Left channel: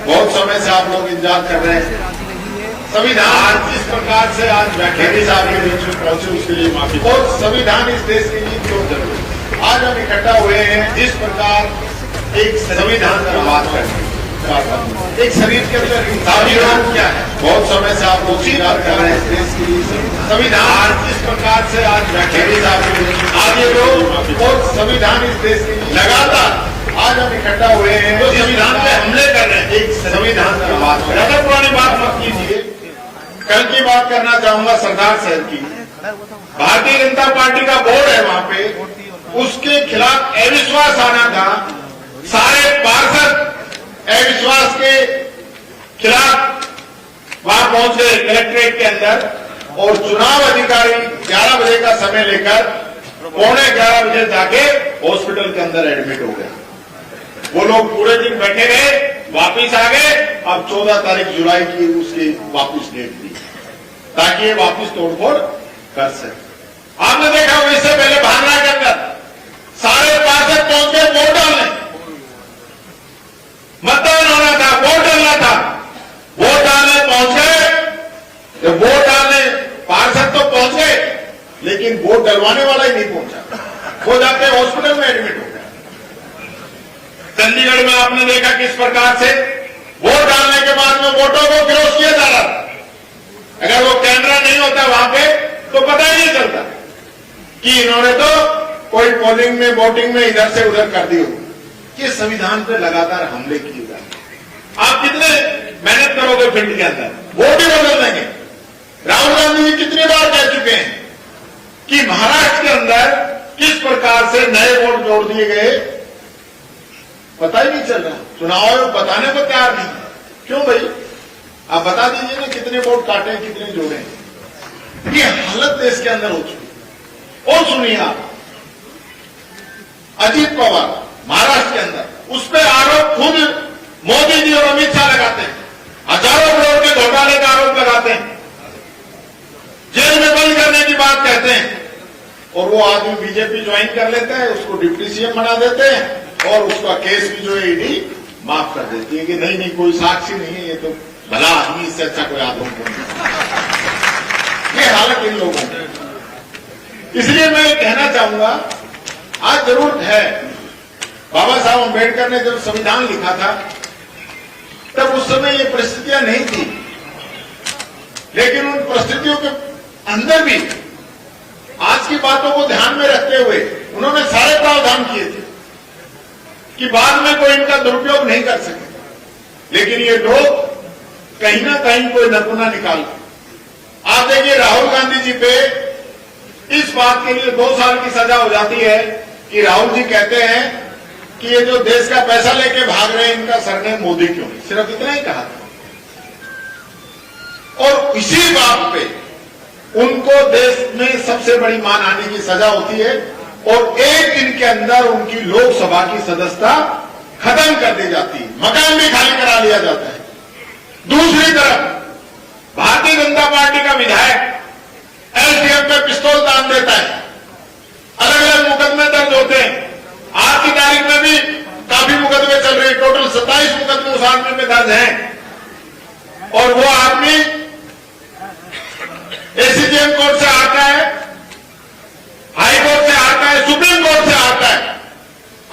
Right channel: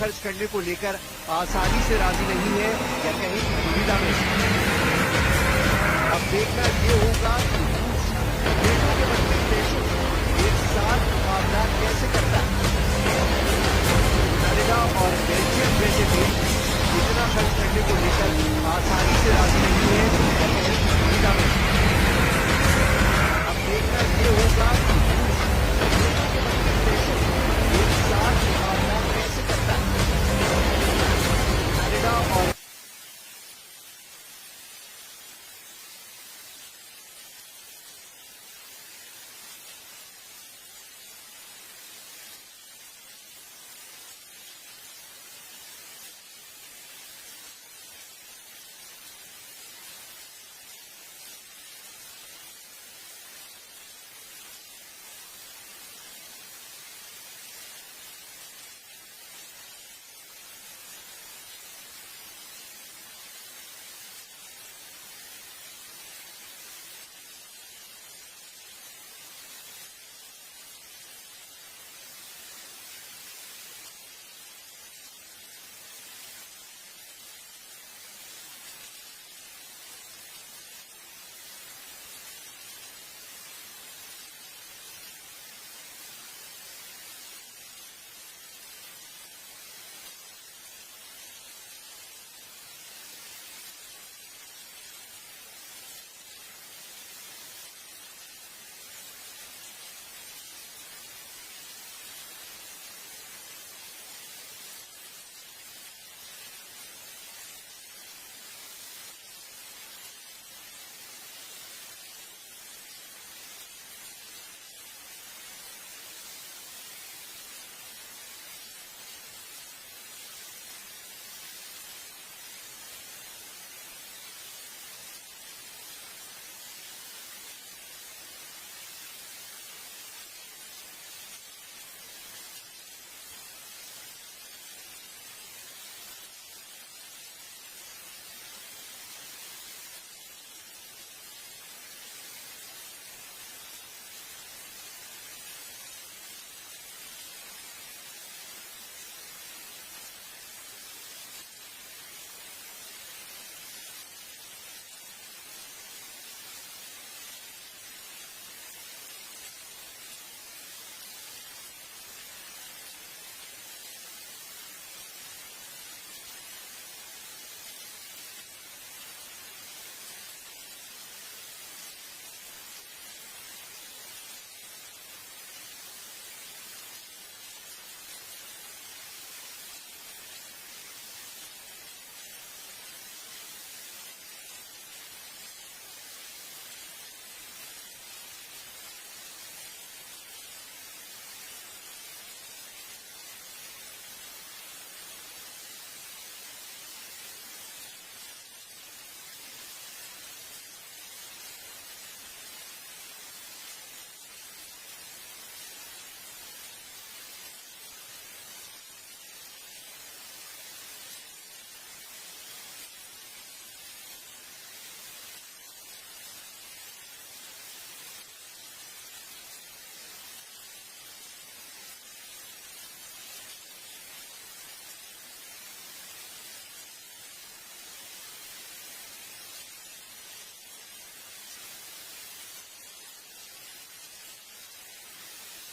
बहुत समय से आप लोग इंतजार कर रहे हैं। संविधान जिस प्रकार से आज बैठे साहब के बीच में पहुंचे उसके लिए माफी। और संविधान इस देश के लिए आज हम इकट्ठा हुए हैं जिस प्रकार एक संविधान का बात करें, एक शरीर के अंदर क्या है, बहुत समय से आप लोग इंतजार कर रहे हैं। संविधान जिस प्रकार से आज बैठे साहब के बीच में आगे लोग और संविधान इस देश लगातार आज हम इकट्ठा हुए हैं वो संविधान पे हमले कर रहे हैं। एक संविधान की बात करें, पुरानी बात मत कीजिए। कल की बात करना चाहूंगा सरदार साहब की। भारतीय जनता पार्टी का बोर्ड है वहां पे, उसके खिलाफ अविश्वास आना था। सारे पार्षद अविश्वास के खिलाफ वहां पहुंच गए कलेक्ट्रेट के अंदर और चुनाव अधिकारी 11 बजे का समय लेकर 11:15 बजे जाके हॉस्पिटल के अंदर एडमिट हो गए। वो लोग पूरे दिन बैठे रहे, वापिस आ गए। अब 14 तारीख जुलाई की उसकी वापिस डेट दी ताकि ये वापिस तोड़फोड़ कर सके। आपने देखा वो इससे पहले भागना के अंदर सारे पार्षद पहुंच गए वोट डालने। मतदान होना था, वोट डालना था, वोट डालने पहुंच गए। जब वोट डालने पार्षद तो पहुंच गए लेकिन वोट डलवाने वाला ही नहीं पहुंचा। वो जाके हॉस्पिटल में एडमिट हो गया। चंडीगढ़ में आपने देखा किस प्रकार से वोट डालने के बाद में वोटों को क्लोज किया जा रहा था। अगर वो कैमरा नहीं होता वहां पे तो पता ही नहीं चलता कि इन्होंने तो कोई पोलिंग में वोटिंग में इधर से उधर कर दी हो। कि संविधान पे लगातार हमले किए जा रहे। आप कितने मेहनत करोगे फील्ड के अंदर, वोट ही बदल देंगे। राहुल गांधी जी कितनी बार कह चुके हैं कि महाराष्ट्र के अंदर किस प्रकार से नए वोट जोड़ दिए गए, पता ही नहीं चल रहा। चुनाव आयोग बताने को तैयार नहीं। क्यों भाई, आप बता दीजिए ना कितने वोट काटे, कितने जोड़े। ये हालत देश के अंदर हो चुकी। और सुनिए आप, अजीत पवार महाराष्ट्र के अंदर उस पर आरोप खुद मोदी जी और अमित शाह लगाते हैं। हजारों करोड़ के घोटाले का आरोप लगाते हैं, जेल में बंद करने की बात कहते हैं। और वो आदमी बीजेपी ज्वाइन कर लेता है, उसको डिप्टी सीएम बना देते हैं और उसका केस भी जो है ईडी माफ कर देती है कि नहीं नहीं कोई साक्षी नहीं है, ये तो भला आदमी, इससे अच्छा कोई आदमी को नहीं। ये हालत इन लोगों की। इसलिए मैं कहना चाहूंगा आज जरूरत है। बाबा साहब अम्बेडकर ने जब संविधान लिखा था तब उस समय ये परिस्थितियां नहीं थी, लेकिन उन परिस्थितियों के अंदर भी आज की बातों को ध्यान में रखते हुए उन्होंने सारे प्रावधान किए थे कि बाद में कोई इनका दुरुपयोग नहीं कर सके। लेकिन ये लोग कहीं ना कहीं कोई नपुना निकाल। आप देखिए राहुल गांधी जी पे इस बात के लिए 2 साल की सजा हो जाती है कि राहुल जी कहते हैं कि ये जो देश का पैसा लेके भाग रहे हैं इनका सरनेम मोदी क्यों, सिर्फ इतना ही कहा था। और इसी बात पे उनको देश में सबसे बड़ी मानहानि की सजा होती है और 1 दिन के अंदर उनकी लोकसभा की सदस्यता खत्म कर दी जाती है, मकान भी खाली करा लिया जाता है। दूसरी तरफ भारतीय जनता पार्टी का विधायक एसडीएम पे पिस्तौल तान देता है। अलग अलग मुकदमे दर्ज होते हैं। आज की तारीख में भी काफी मुकदमे चल रहे हैं। टोटल 27 मुकदमे उस आदमी में दर्ज हैं और वो आदमी एसीजेएम कोर्ट से आता है, हाई कोर्ट से आता है, सुप्रीम कोर्ट से आता है।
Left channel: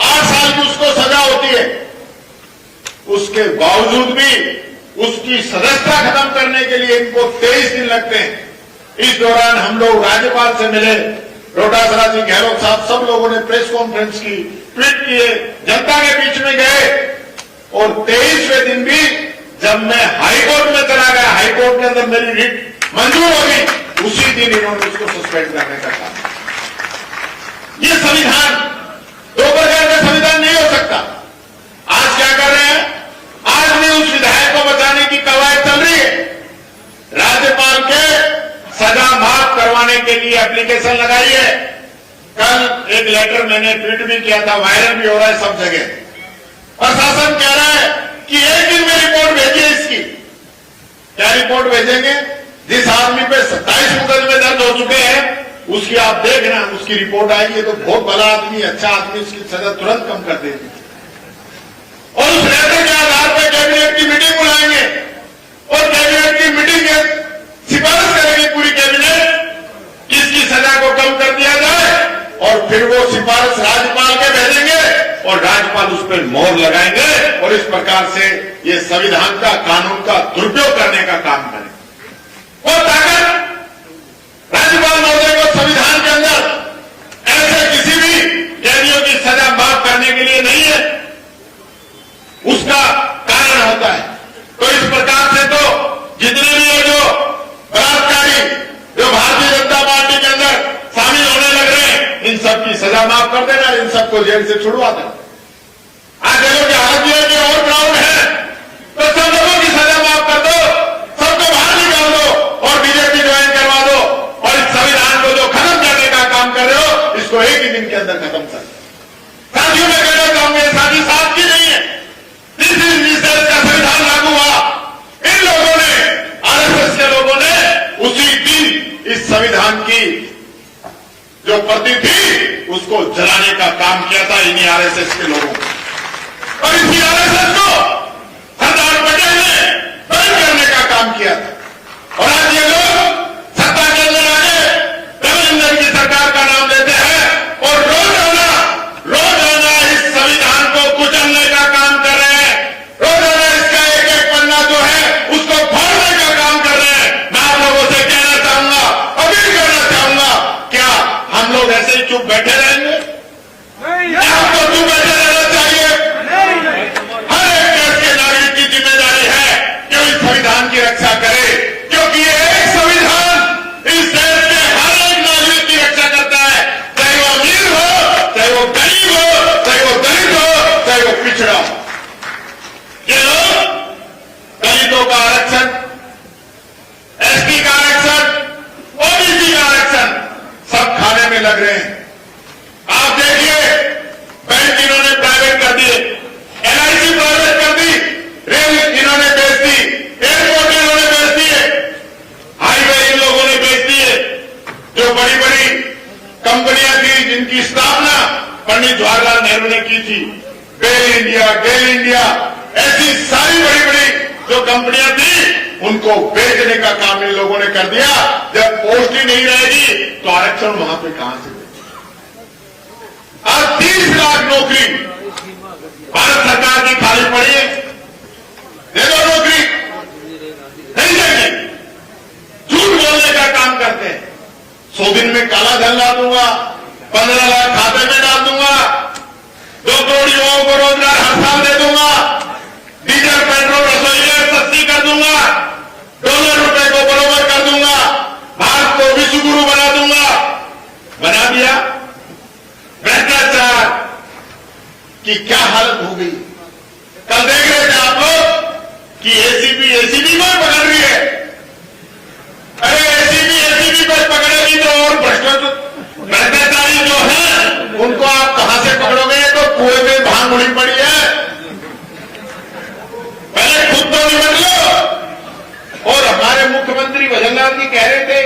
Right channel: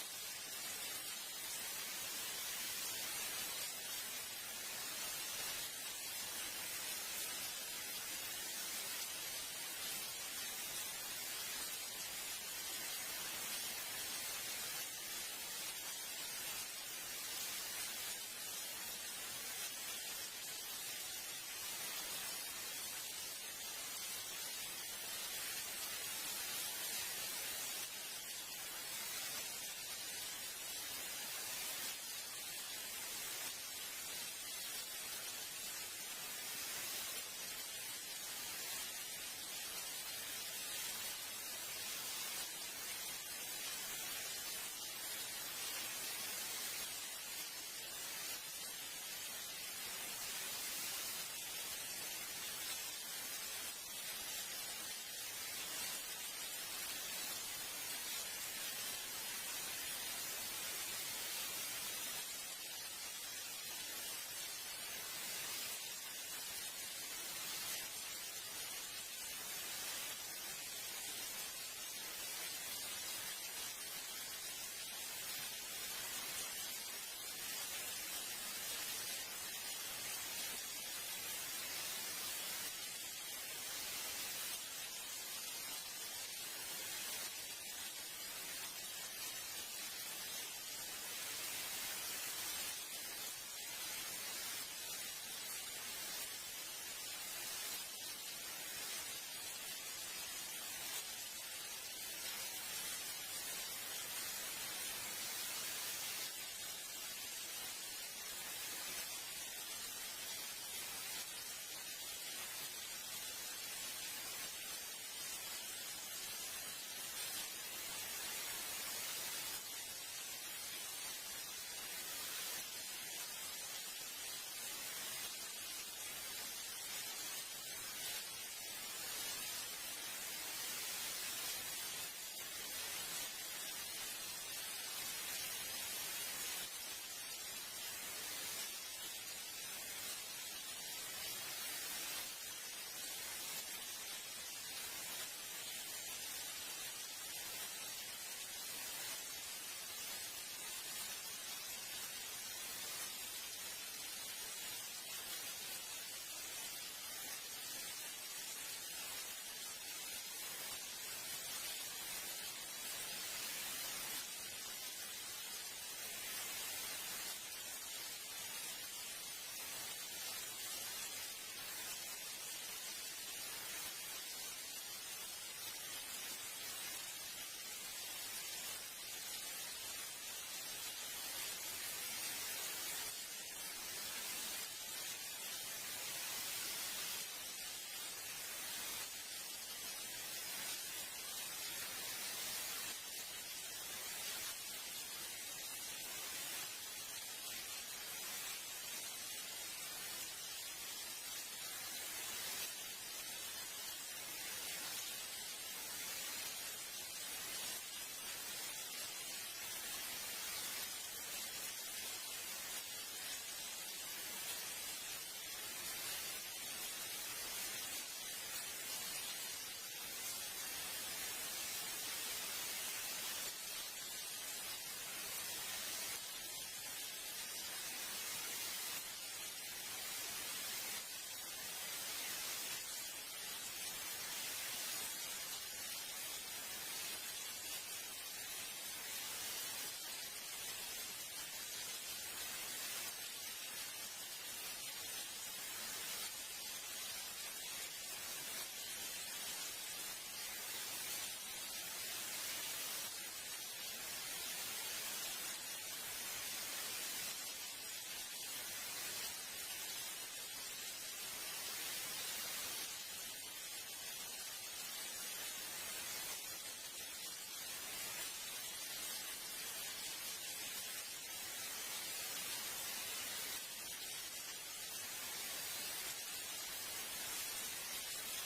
8 साल की उसको सजा होती है। उसके बावजूद भी उसकी सदस्यता खत्म करने के लिए इनको 23 दिन लगते हैं। इस दौरान हम लोग राज्यपाल से मिले, डोटासरा जी, गहलोत साहब, सब लोगों ने प्रेस कॉन्फ्रेंस की, ट्वीट किए, जनता के बीच में गए और 23वें दिन भी जब मैं हाईकोर्ट में चला गया, हाईकोर्ट के अंदर मेरी रिट मंजूर हो गई, उसी दिन इन्होंने उसको सस्पेंड करने का काम। ये संविधान 2 प्रकार का संविधान नहीं हो सकता। आज क्या कर रहे हैं, आज भी उस विधायक को बचाने की कवायद चल रही है। राज्यपाल के सजा माफ करवाने के लिए एप्लीकेशन लगाई है। कल एक लेटर मैंने ट्वीट भी किया था, वायरल भी हो रहा है सब जगह। प्रशासन कह रहा है कि 1 दिन में रिपोर्ट भेजिए इसकी। क्या रिपोर्ट भेजेंगे? जिस आदमी पे 27 मुकदमे दर्ज हो चुके हैं उसकी आप देखना, उसकी रिपोर्ट आएगी तो बहुत भला आदमी, अच्छा आदमी, उसकी सजा तुरंत कम कर देगी। और उस लेटर के आधार पर कैबिनेट की मीटिंग मोहर लगाएंगे और इस प्रकार से ये संविधान का, कानून का दुरुपयोग करने का काम करें। और ताकत राज्यपाल महोदय को संविधान के अंदर ऐसे किसी भी कैदियों की सजा माफ करने के लिए नहीं है, उसका कारण होता है। तो इस प्रकार से तो जितने भी ये जो बलात्कारी जो भारतीय जनता पार्टी के अंदर शामिल होने लग रहे हैं, इन सबकी सजा माफ कर देना, इन सबको जेल से छुड़वा देना। आज देखो कि हाथ के और क्राउड है, तो सब लोगों की सजा माफ कर दो, सबको बाहर निकाल दो और बीजेपी ज्वाइन करवा दो और इस संविधान को जो खत्म करने का काम कर रहे हो, इसको एक ही दिन के अंदर खत्म कर। साथियों में कहना चाहूंगा, साथी साथ की नहीं है, जिस दिन का संविधान लागू हुआ, इन लोगों ने, आरएसएस के लोगों ने उसी दिन इस संविधान की जो प्रति थी उसको जलाने का काम किया था इन्हीं आरएसएस के लोगों को। और इसी आरएसएस को सरदार पटेल ने बंद करने का काम किया था। और आज ये लोग सत्ता के अंदर आके देवेंद्र की सरकार का नाम लेते हैं और रोजाना इस संविधान को कुचलने का काम कर रहे हैं। रोजाना इसका एक एक पन्ना जो है उसको फाड़ने का काम कर रहे हैं। मैं आप लोगों से कहना चाहूंगा, अपील करना चाहूंगा, क्या हम लोग ऐसे ही चुप बैठे रहेंगे? आपको चुप बैठे रहना चाहिए। हर एक देश के नागरिक की जिम्मेदारी है कि वो इस संविधान की रक्षा करे, क्योंकि ये एक संविधान इस देश के हर एक नागरिक की रक्षा करता है, चाहे वो अमीर हो, चाहे वो गरीब हो, चाहे वो दलित हो, चाहे वो पिछड़ा हो। ये लोग दलितों का आरक्षण, एसटी का आरक्षण, ओबीसी का आरक्षण सब खाने में लग रहे हैं। आप देखिए, बैंक इन्होंने प्राइवेट कर दिए, एलआईसी प्राइवेट कर दी, रेल इन्होंने बेच दी, एयरपोर्ट इन्होंने बेच दिए, हाईवे इन लोगों ने बेच दिए। जो बड़ी बड़ी कंपनियां थी जिनकी स्थापना पंडित जवाहरलाल नेहरू ने की थी, गेल इंडिया, ऐसी सारी बड़ी बड़ी जो कंपनियां थी उनको बेचने का काम इन लोगों ने कर दिया। जब पोस्ट ही नहीं रहेगी तो आरक्षण वहां पे कहां से? आज 30 लाख नौकरी भारत सरकार की खाली पड़ी है, दे दो नौकरी, नहीं देंगे, झूठ बोलने का काम करते हैं। 100 दिन में काला धन ला दूंगा, 15 लाख खाते में डाल दूंगा, 2 करोड़ युवाओं को रोजगार हर साल दे दूंगा, डीजल पेट्रोल रसोई गैस सस्ती कर दूंगा, $1 को बराबर कर दूंगा, भारत को विश्व गुरु बना दूंगा। बना दिया। भ्रष्टाचार की क्या हालत हो गई? कल देख रहे थे आप लोग कि एसीबी को पकड़ रही है। अरे एसीबी को पकड़ेगी तो और भ्रष्टाचारी जो है उनको आप कहां से पकड़ोगे? तो कुएं में भांग उड़ी पड़ी है, पहले खुद तो निपट लो। और हमारे मुख्यमंत्री भजनलाल जी कह रहे थे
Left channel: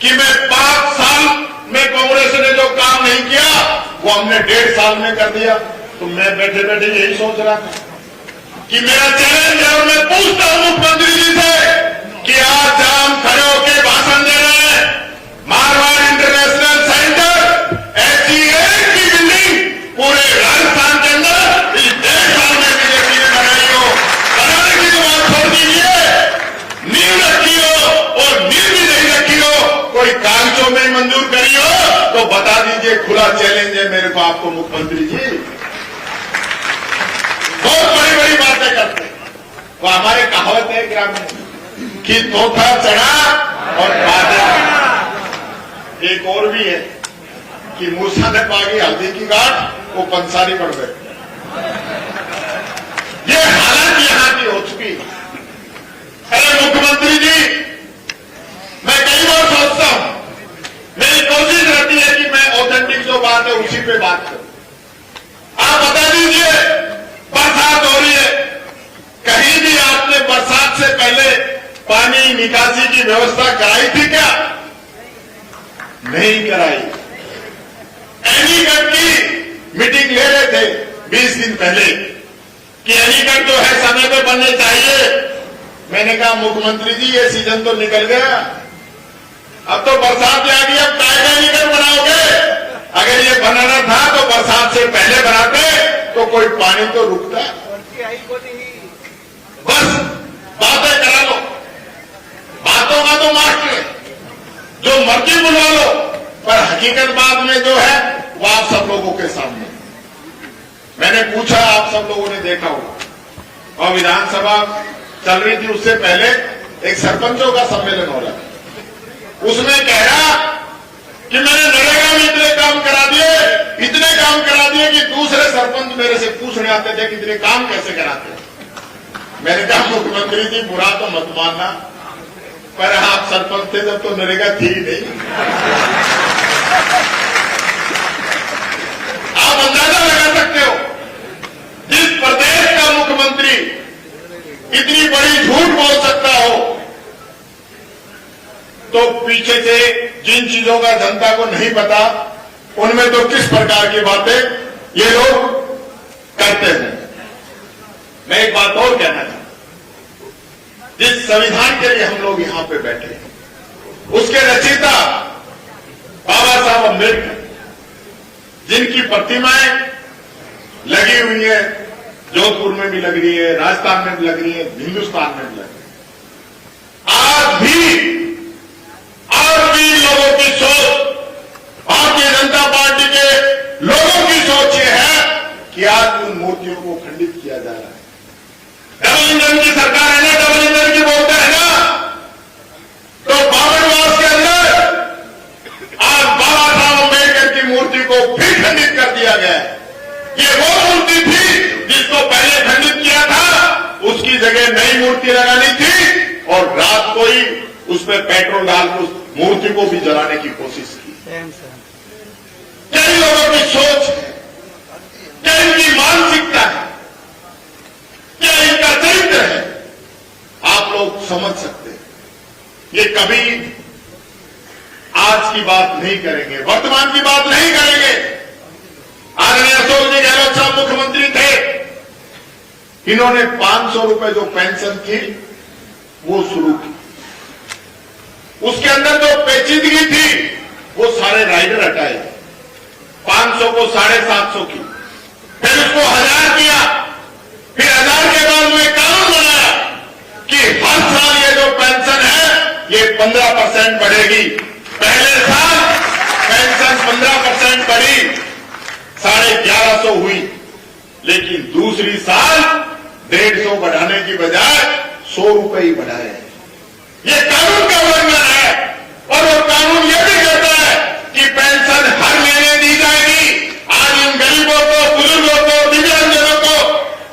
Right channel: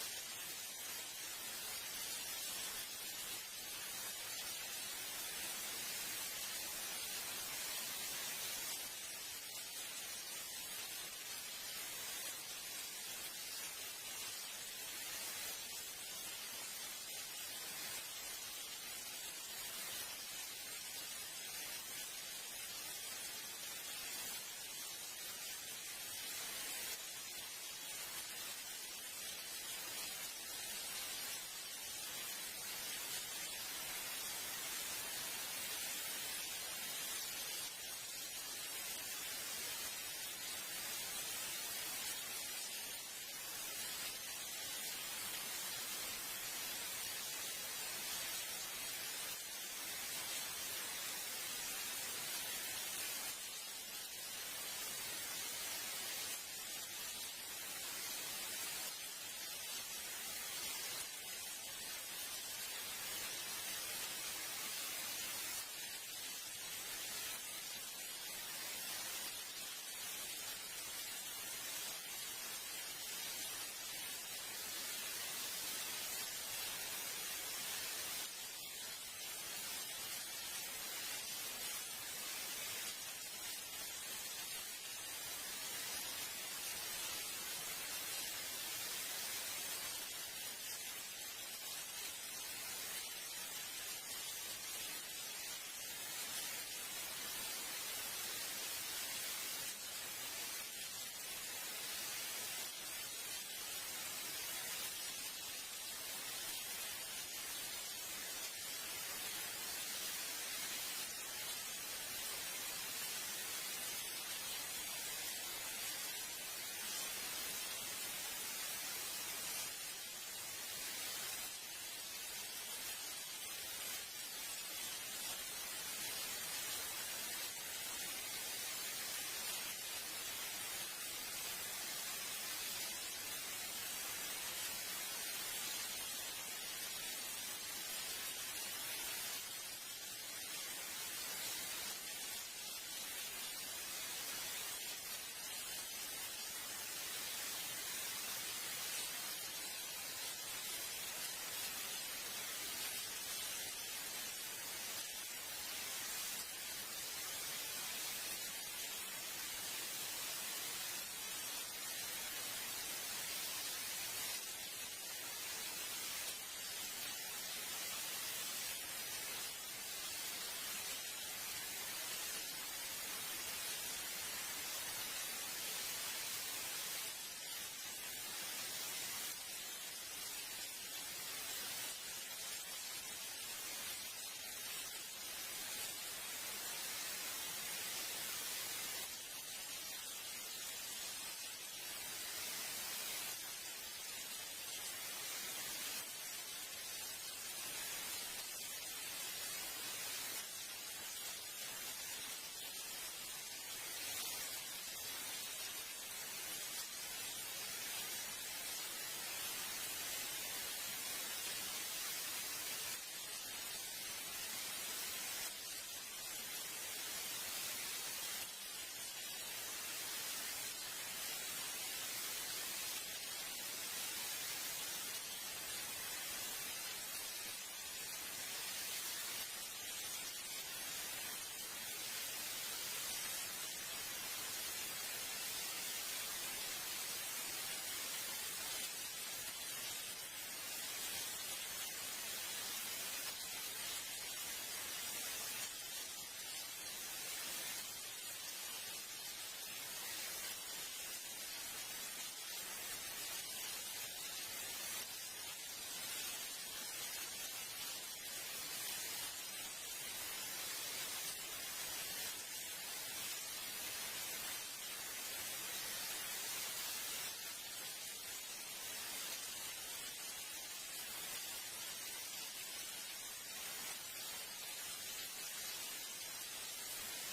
कि मैं 5 साल में कांग्रेस ने जो काम नहीं किया वो हमने 1.5 साल में कर दिया। तो मैं बैठे बैठे यही सोच रहा था कि मेरा चैलेंज है और मैं पूछता हूं मुख्यमंत्री जी से कि आज हम खड़े होकर भाषण दे रहे हैं, मारवाड़ इंटरनेशनल सेंटर ऐसी एक की बिल्डिंग पूरे राजस्थान के अंदर इस 1.5 साल में बीजेपी ने बनाई हो। बनाने की तो बात छोड़ दीजिए, नींव रखी हो और नींव भी नहीं रखी हो, कोई कागजों में मंजूर करी हो तो बता दीजिए। खुला चैलेंज है मेरे को आपको मुख्यमंत्री जी। बहुत बड़ी बड़ी बातें करते हैं। तो हमारे कहावत है ग्रामीण कि तोता चढ़ा और बादल। एक और भी है कि मूसा ने पागी हल्दी की गांठ, वो पंसारी पड़ गए। ये हालत यहां की हो चुकी है। अरे मुख्यमंत्री जी, मैं कई बार सोचता हूं, मेरी कोशिश रहती है कि मैं ऑथेंटिक जो बात है उसी पे बात करूं। आप बता दीजिए, बरसात हो रही है, कहीं भी आपने बरसात से पहले पानी निकासी की व्यवस्था कराई थी क्या? नहीं कराई। एनीकट की मीटिंग ले रहे थे 20 दिन पहले कि एनीकट जो है समय पे बनने चाहिए। मैंने कहा मुख्यमंत्री जी ये सीजन तो निकल गया, अब तो बरसात आ गई, अब काय का एनीकट बनाओगे? अगर ये बनाना था तो बरसात से पहले बनाते तो कोई पानी तो रुकता है। बस बातें करा लो, बातों का तो मास्टर है, जो मर्जी बुलवा लो, पर हकीकत बात में जो है वो आप सब लोगों के सामने। मैंने पूछा, आप सब लोगों ने देखा होगा, और विधानसभा चल रही थी, उससे पहले एक सरपंचों का सम्मेलन हो रहा है। उसमें कह रहा कि मैंने नरेगा में इतने काम करा दिए कि दूसरे सरपंच मेरे से पूछने आते थे कि इतने काम कैसे कराते हैं। मैंने कहा, मुख्यमंत्री जी बुरा तो मत मानना, पर आप सरपंच थे जब तो नरेगा थी ही नहीं। आप अंदाजा लगा सकते हो, जिस प्रदेश का मुख्यमंत्री इतनी बड़ी झूठ बोल सकता हो, तो पीछे से जिन चीजों का जनता को नहीं पता, उनमें तो किस प्रकार की बातें ये लोग करते हैं। मैं एक बात और कहना चाहता हूं, जिस संविधान के लिए हम लोग यहां पे बैठे हैं, उसके रचयिता बाबा साहब अम्बेडकर, जिनकी प्रतिमाएं लगी हुई है, जोधपुर में भी लग रही है, राजस्थान में भी लग रही है, हिंदुस्तान में भी लग रही है। आज भी लोगों की सोच, भारतीय जनता पार्टी के लोगों की सोच ये है कि आज उन मूर्तियों को खंडित किया जा रहा है। डबल इंजन की सरकार है ना, डबल इंजन की बोलते हैं ना, तो बाबरवास के अंदर आज बाबा साहब अम्बेडकर की मूर्ति को फिर खंडित कर दिया गया है। ये वो मूर्ति थी जिसको पहले खंडित किया था, उसकी जगह नई मूर्ति लगानी थी, और रात को ही उस पर पेट्रोल डालकर उस मूर्ति को भी जलाने की कोशिश की। कई लोगों की सोच है, क्या इनकी मानसिकता है, क्या इनका चरित्र है, आप लोग समझ सकते हैं। ये कभी आज की बात नहीं करेंगे, वर्तमान की बात नहीं करेंगे। आदरणीय अशोक जी गहलोत साहब मुख्यमंत्री थे, इन्होंने 500 रुपए जो पेंशन थी वो शुरू की। उसके अंदर जो पेचीदगी थी वो सारे राइडर हटाए, 500 को 750 की, फिर उसको 1000 किया, फिर 1000 के बाद में कानून बनाया कि हर साल ये जो पेंशन है ये 15% बढ़ेगी। पहले साल पेंशन 15% बढ़ी, 1150 हुई, लेकिन दूसरी साल 150 बढ़ाने की बजाय 100 रुपए ही बढ़ाए। ये कानून का उल्लंघन है, और वो कानून ये भी कहता है कि पेंशन हर महीने दी जाएगी। आज इन गरीबों को, बुजुर्गों को, दिव्यांगजनों को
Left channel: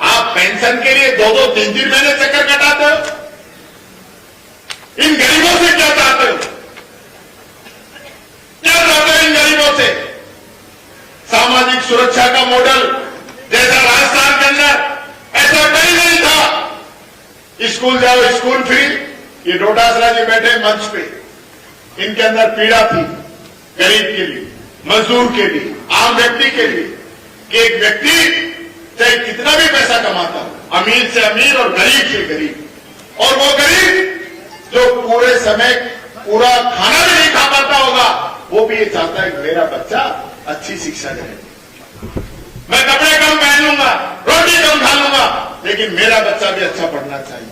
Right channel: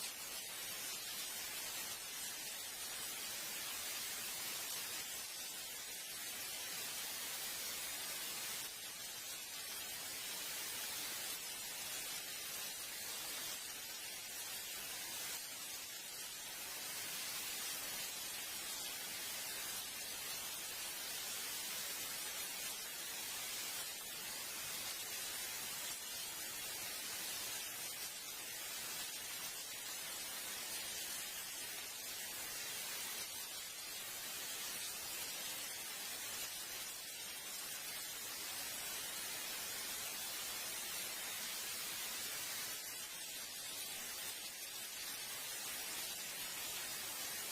आप पेंशन के लिए 2-2, 3-3 महीने चक्कर कटाते हो। इन गरीबों से क्या चाहते हो? क्या चाहते हो इन गरीबों से? सामाजिक सुरक्षा का मॉडल जैसा राजस्थान के अंदर ऐसा कहीं नहीं था। स्कूल जाओ स्कूल फ्री, ये डोटासरा जी बैठे मंच पे, इनके अंदर पीड़ा थी गरीब के लिए, मजदूर के लिए, आम व्यक्ति के लिए, कि एक व्यक्ति चाहे कितना भी पैसा कमाता हो, अमीर से अमीर और गरीब से गरीब, और वो गरीब जो पूरे समय पूरा खाना भी नहीं खा पाता होगा, वो भी ये चाहता है कि मेरा बच्चा अच्छी शिक्षा करे। मैं कपड़े कम पहन लूंगा, रोटी कम खा लूंगा, लेकिन मेरा बच्चा भी अच्छा पढ़ना चाहिए।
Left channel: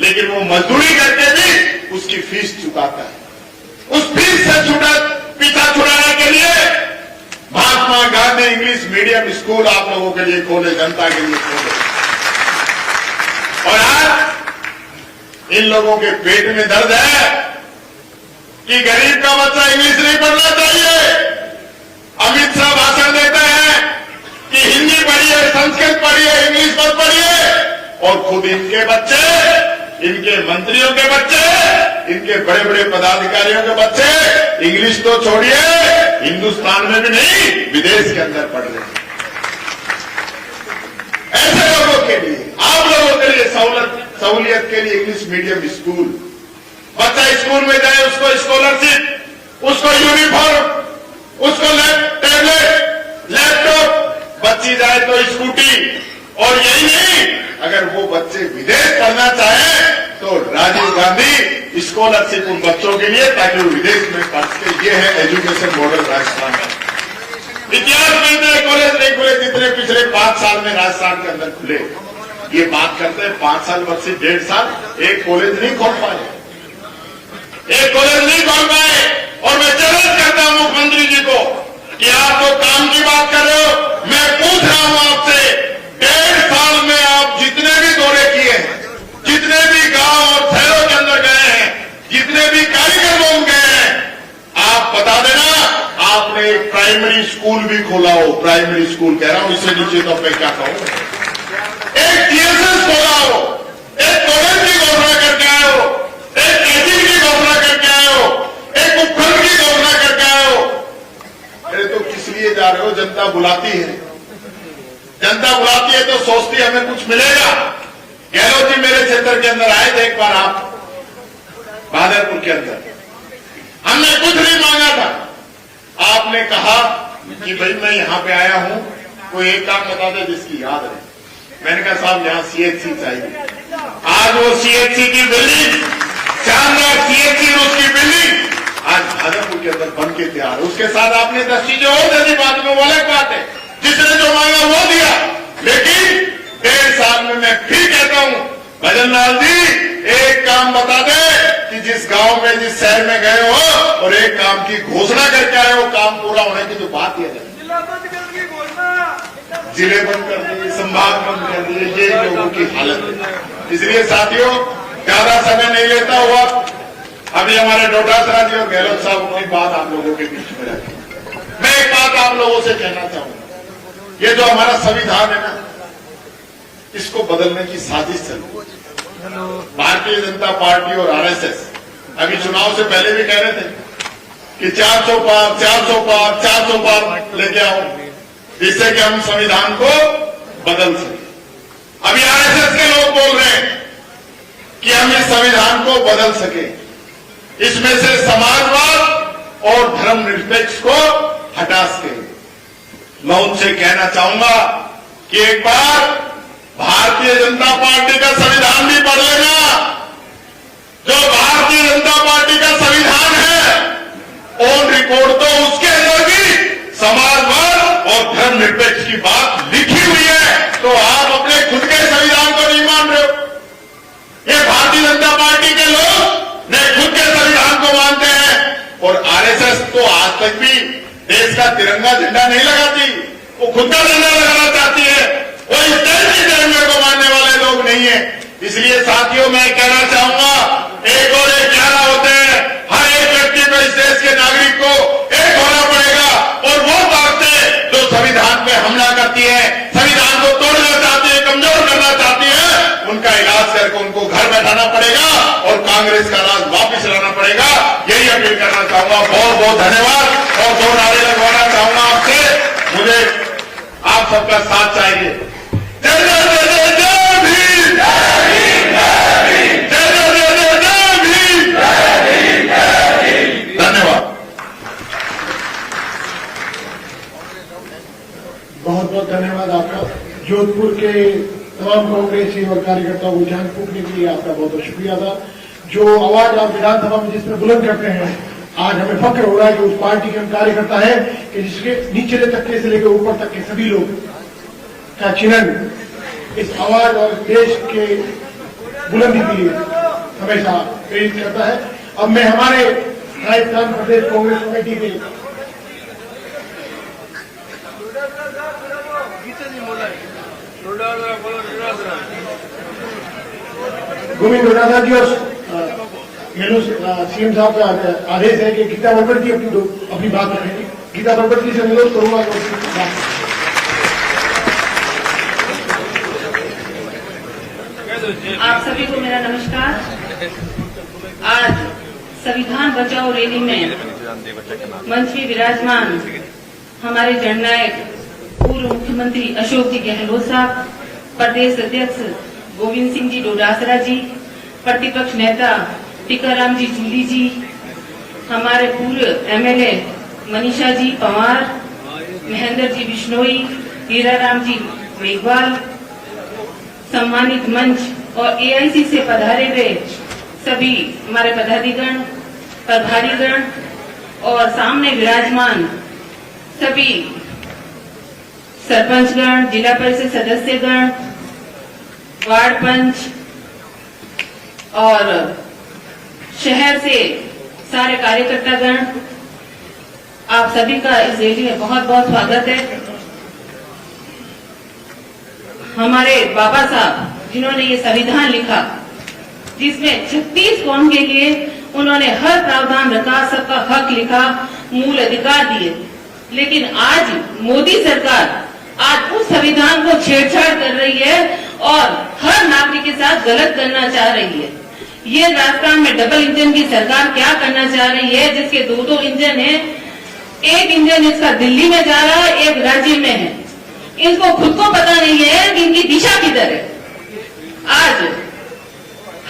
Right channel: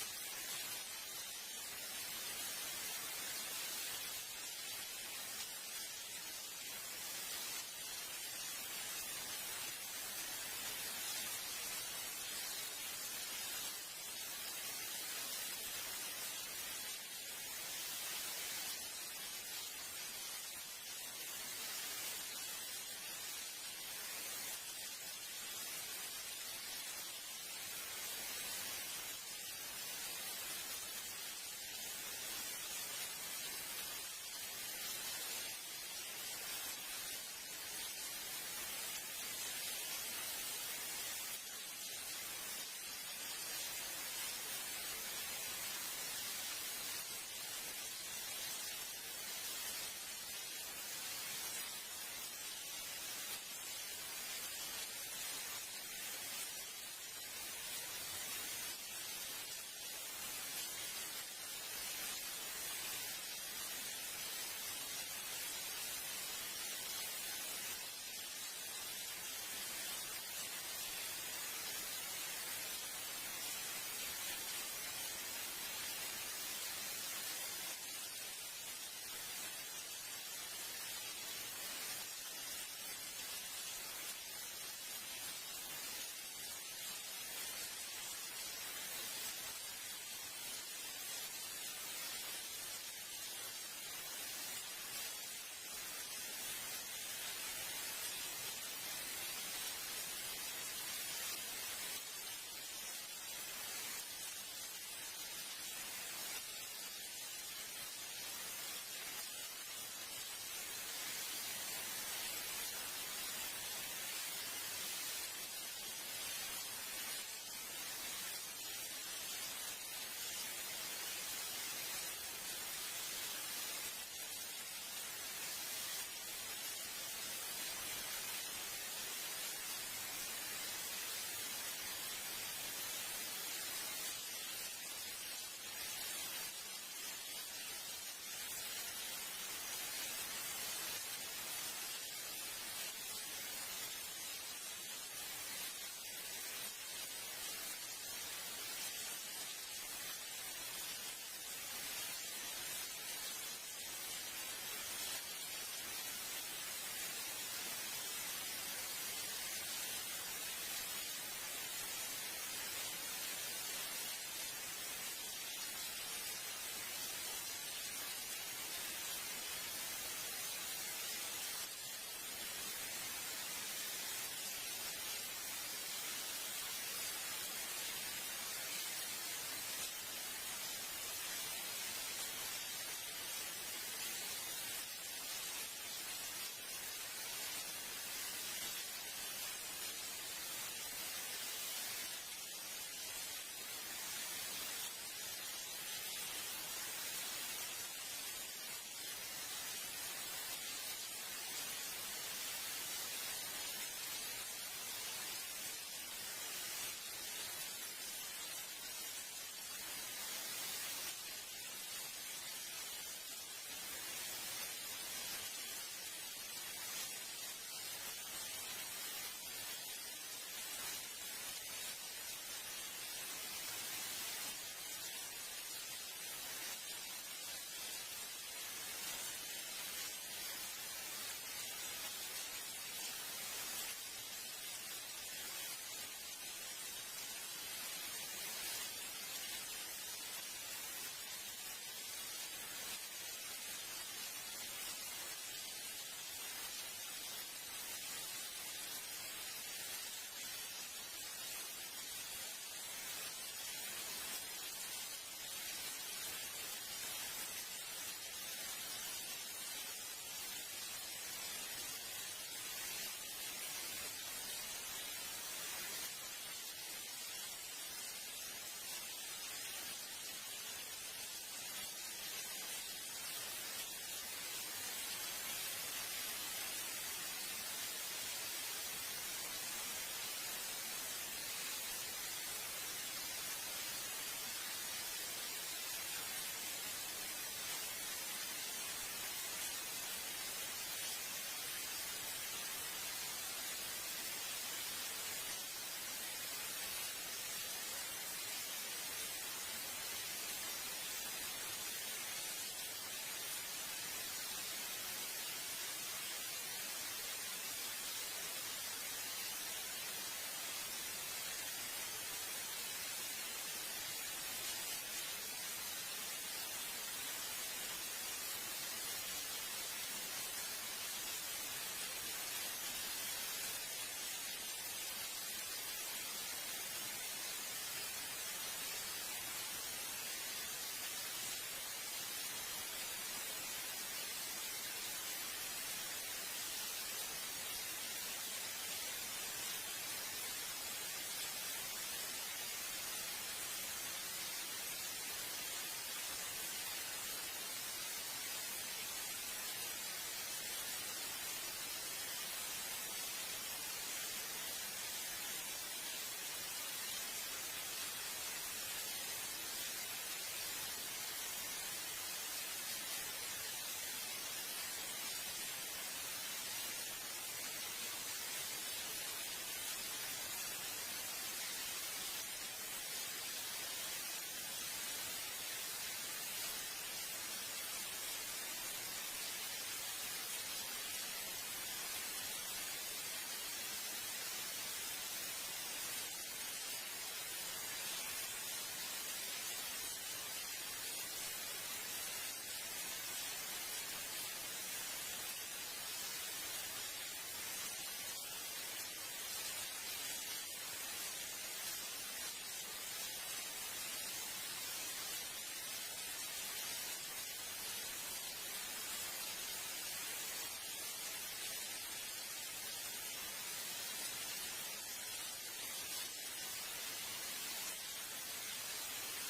लेकिन वो मजदूरी करके भी उसकी फीस चुकाता है। उस फीस से पीछा छुड़ाने के लिए Mahatma Gandhi English medium school आप लोगों के लिए खोले, जनता के लिए खोले, और आज इन लोगों के पेट में दर्द है कि गरीब का बच्चा इंग्लिश नहीं पढ़ना चाहिए। अमित शाह भाषण देते हैं कि हिंदी पढ़िए, संस्कृत पढ़िए, इंग्लिश मत पढ़िए, और खुद इनके बच्चे, इनके मंत्रियों के बच्चे, इनके बड़े बड़े पदाधिकारियों के बच्चे इंग्लिश तो छोड़िए, हिंदुस्तान में भी नहीं, विदेश के अंदर पढ़ रहे हैं। ऐसे लोगों के लिए, आप लोगों के लिए सहूलियत के लिए इंग्लिश मीडियम स्कूल, बच्चा स्कूल में जाए, उसको स्कॉलरशिप, उसको यूनिफॉर्म, उसको टैबलेट, लैपटॉप, बच्ची जाए तो स्कूटी, और यही नहीं, अगर वो बच्चे विदेश पढ़ना चाहे तो राजीव गांधी स्कॉलरशिप उन बच्चों के लिए, ताकि वो विदेश में पढ़ सके। ये है एजुकेशन मॉडल राजस्थान में। इतिहास में इतने कॉलेज नहीं खुले जितने पिछले 5 साल में राजस्थान के अंदर खुले। ये बात करते हैं 5 साल बच्चे 1.5 साल, एक कॉलेज नहीं खोल पाए, एक कॉलेज नहीं खोल पाए। और मैं चैलेंज करता हूं मुख्यमंत्री जी को कि आप तो काम की बात कर रहे हो, मैं पूछ रहा हूं आपसे, 1.5 साल में आप जितने भी दौरे किए हैं, जितने भी गांव और शहरों के अंदर गए हैं, जितने भी कार्यक्रमों गए हैं, आप बता देना आपने एक प्राइमरी स्कूल भी खोला हो। प्राइमरी स्कूल कह रहा हूं, इससे नीचे तो मैं क्या कहूं, एक टीएसएस खोला हो, एक कॉलेज की घोषणा करके आए हो, एक एजी की घोषणा करके आए हो, एक उपखंड की घोषणा करके आए हो। अरे तो किस लिए जा रहे हो? जनता बुलाती है, जनता बुलाती है तो सोचती है हमें कुछ मिलेगा। गहलोत जी मेरे क्षेत्र के अंदर आए थे एक बार, आप भादरपुर के अंदर, हमने कुछ नहीं मांगा था। आपने कहा कि भाई मैं यहां पे आया हूं, कोई एक काम बता दे जिसकी याद रहे। मैंने कहा साहब यहां सीएचसी चाहिए। आज वो सीएचसी की बिल्डिंग, शानदार सीएचसी उसकी बिल्डिंग आज भाजपा के अंदर बन के तैयार। उसके साथ आपने 10 चीजें और दे दी, बाद में वो अलग बात है, जिसने जो मांगा वो दिया। लेकिन 1.5 साल में मैं फिर कहता हूं, भजन लाल जी एक काम बता दे कि जिस गांव में, जिस शहर में गए हो और एक काम की घोषणा करके आए हो, काम पूरा होने की जो बात है, जिले बंद कर दिए, संभाग बंद कर दिए, ये लोगों की हालत है। इसलिए साथियों ज्यादा समय नहीं लेता हुआ, अभी हमारे डोटासरा जी और गहलोत साहब अपनी बात आप लोगों के बीच में रखें। मैं एक बात आप लोगों से कहना चाहूंगा, ये जो हमारा संविधान है ना, इसको बदलने की साजिश चल रही है। भारतीय जनता पार्टी और आरएसएस अभी चुनाव से पहले भी कह रहे थे कि 400 पार 400 पार 400 पार लेके आओ, जिससे कि हम संविधान को बदल सके। अभी आरएसएस के लोग बोल रहे हैं कि हम इस संविधान को बदल सके, इसमें से समाजवाद और धर्मनिरपेक्ष को हटा सके। मैं उनसे कहना चाहूंगा कि एक बार भारतीय जनता पार्टी का संविधान भी पढ़ लेना। जो भारतीय जनता पार्टी का संविधान है, ऑन रिकॉर्ड तो उसके अंदर भी समाजवाद और धर्मनिरपेक्ष की बात लिखी हुई है, तो आप अपने खुद के संविधान को नहीं मान रहे हो। ये भारतीय जनता पार्टी के लोग ने खुद के संविधान को मानते हैं, और आरएसएस तो आज तक भी देश का तिरंगा झंडा नहीं लगाती, वो खुद का झंडा लगाना चाहती है। वो इस देश के तिरंगे को मानने वाले लोग नहीं है। इसलिए साथियों मैं कहना चाहूंगा, 1 और 1 11 होते हैं। हर एक व्यक्ति को, इस देश के नागरिक को एक होना पड़ेगा, और वो ताकतें जो संविधान पे हमला करती है, संविधान को तोड़ना चाहती है, कमजोर करना चाहती है, उनका इलाज करके उनको घर बैठाना पड़ेगा और कांग्रेस का राज वापिस लाना पड़ेगा। यही अपील करना चाहूंगा। बहुत बहुत धन्यवाद। और 2 नारे लगवाना चाहूंगा आपसे, मुझे आप सबका साथ चाहिए। जय जय जय जय जय भीम, जय भीम, जय भीम, जय जय जय जय जय भीम, जय भीम, जय भीम। धन्यवाद। बहुत बहुत धन्यवाद आपका। जोधपुर के तमाम कांग्रेसी और कार्यकर्ताओं को जान फूकने के लिए आपका बहुत बहुत शुक्रिया था। जो आवाज आप विधानसभा में जिस तरह बुलंद करते हैं, आज हमें फक्र हो रहा है कि उस पार्टी के हम कार्यकर्ता हैं कि जिसके निचले तबके से लेकर ऊपर तक के सभी लोग का चिन्हन इस आवाज और देश के बुलंदी के लिए हमेशा प्रेरित करता है। अब मैं हमारे राजस्थान प्रदेश कांग्रेस कमेटी के गोविंद डोटासरा जी और सीएम साहब का आदेश है कि गीता बरबट जी अपनी बात रखेंगे। गीता बरबट जी से अनुरोध करूंगा। आप सभी को मेरा नमस्कार। आज संविधान बचाओ रैली में मंच पे विराजमान हमारे जननायक पूर्व मुख्यमंत्री अशोक जी गहलोत साहब, प्रदेश अध्यक्ष गोविंद सिंह जी डोटासरा जी, प्रतिपक्ष नेता टीकाराम जी जूली जी, हमारे पूर्व एमएलए मनीषा जी पंवार, महेंद्र जी बिश्नोई, हीराराम जी मेघवाल, सम्मानित मंच और एआईसी से पधारे हुए सभी हमारे पदाधिगण, प्रभारीगण और सामने विराजमान सभी सरपंचगण, जिला परिषद सदस्यगण, वार्ड पंच और शहर से सारे कार्यकर्तागण, आप सभी का इस रैली में बहुत बहुत स्वागत है। हमारे बाबा साहब जिन्होंने ये संविधान लिखा, जिसमें 36 कौम के लिए उन्होंने हर प्रावधान रखा, सबका हक लिखा, मूल अधिकार दिए, लेकिन आज मोदी सरकार आज उस संविधान को छेड़छाड़ कर रही है और हर नागरिक के साथ गलत करना चाह रही है। ये राजस्थान में डबल इंजन की सरकार क्या करना चाह रही है, जिसके दो इंजन है, एक इंजन इसका दिल्ली में जा रहा है, एक राज्य में है। इनको खुद को पता नहीं है कि इनकी दिशा किधर है। आज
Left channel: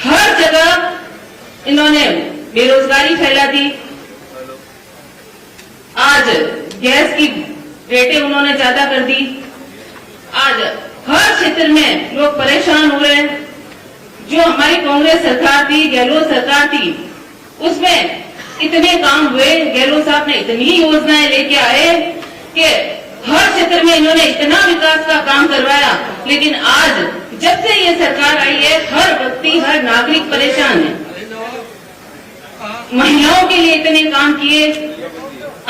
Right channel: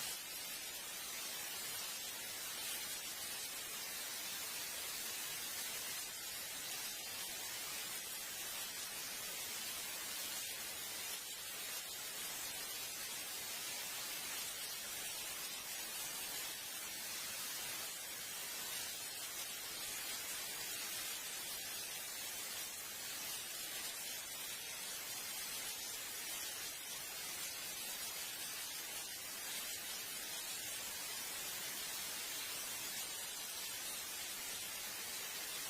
हर जगह इन्होंने बेरोजगारी फैला दी, आज गैस की रेटें उन्होंने ज्यादा कर दी, आज हर क्षेत्र में लोग परेशान हो रहे हैं। जो हमारी कांग्रेस सरकार थी, गहलोत सरकार थी, उसमें इतने काम हुए, गहलोत साहब ने इतनी योजनाएं लेके आए कि हर क्षेत्र में इन्होंने इतना विकास का काम करवाया, लेकिन आज जब से ये सरकार आई है, हर व्यक्ति, हर नागरिक परेशान है। महिलाओं के लिए इतने काम किए,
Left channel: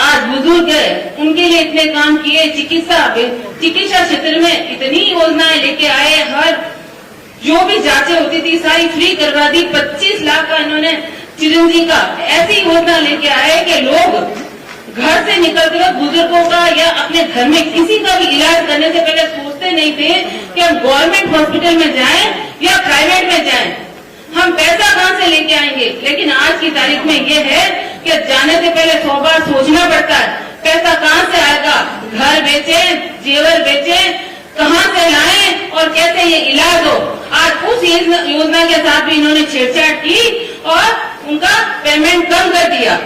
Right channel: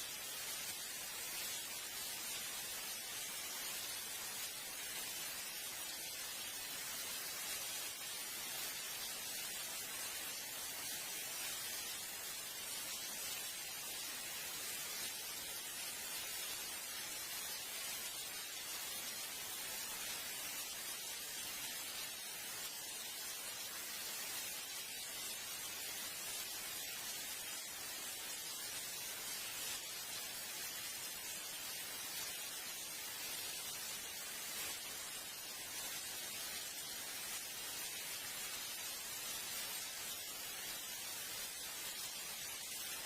आज बुजुर्ग है उनके लिए इतने काम किए, चिकित्सा क्षेत्र में इतनी योजनाएं लेके आए, हर जो भी जांचें होती थी सारी फ्री करवा दी। 25 लाख का इन्होंने चिरंजी का ऐसी योजना लेके आए कि लोग घर से निकलते हुए बुजुर्गों का या अपने घर में किसी का भी इलाज करने से पहले सोचते नहीं थे कि हम गवर्नमेंट हॉस्पिटल में जाएं या प्राइवेट में जाएं, हम पैसा कहां से लेके आएंगे। लेकिन आज की तारीख में ये है कि जाने से पहले 100 बार सोचना पड़ता है, पैसा कहां से आएगा, घर बेचे, जेवर बेचे, कहां से लाएं और कैसे ये इलाज हो। आज उस योजना के साथ भी इन्होंने छेड़छाड़ की और उनका पेमेंट कम कर दिया।